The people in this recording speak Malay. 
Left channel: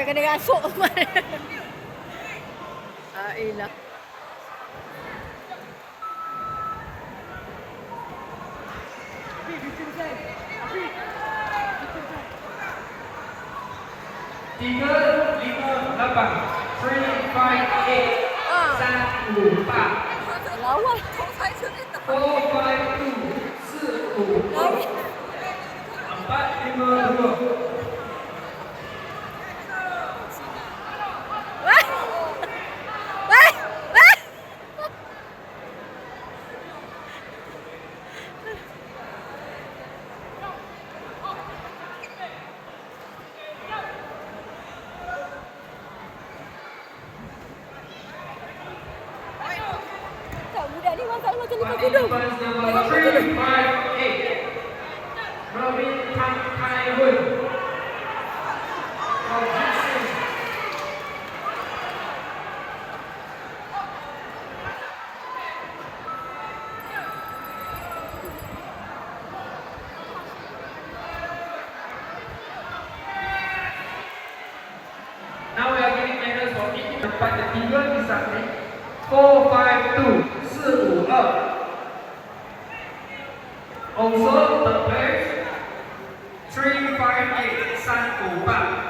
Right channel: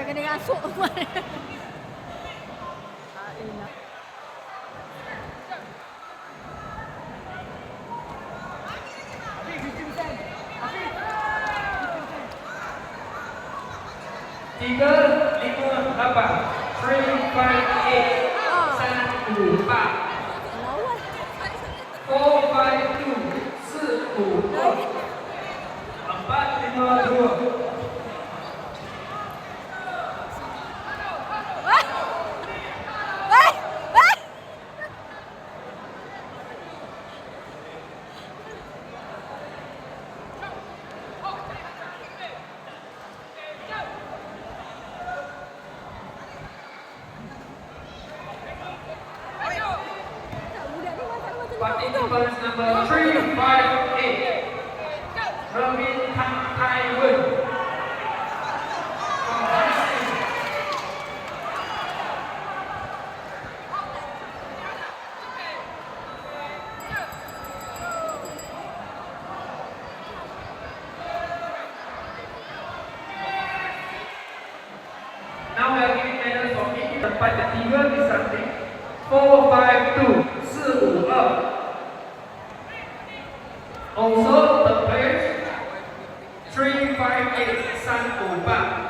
Macam kena rasuk. Ailah. Tiga, lima, lapan, 3, 5, 8, 3, 4, 5, Lawan. 4, 5, 2, 4, 5, 2, 4, 5, 2. Wah! Wah! Wah! Tak, budak ni masalah macam lepas kudung. Number 3, 5, 8. Robin Tham Thai Vun. Now we are giving medals for each tempat ketiga di samping 4, 5, 2, 4, 5, 2. Also, the place 3, 5, 8, 3, 5, 8.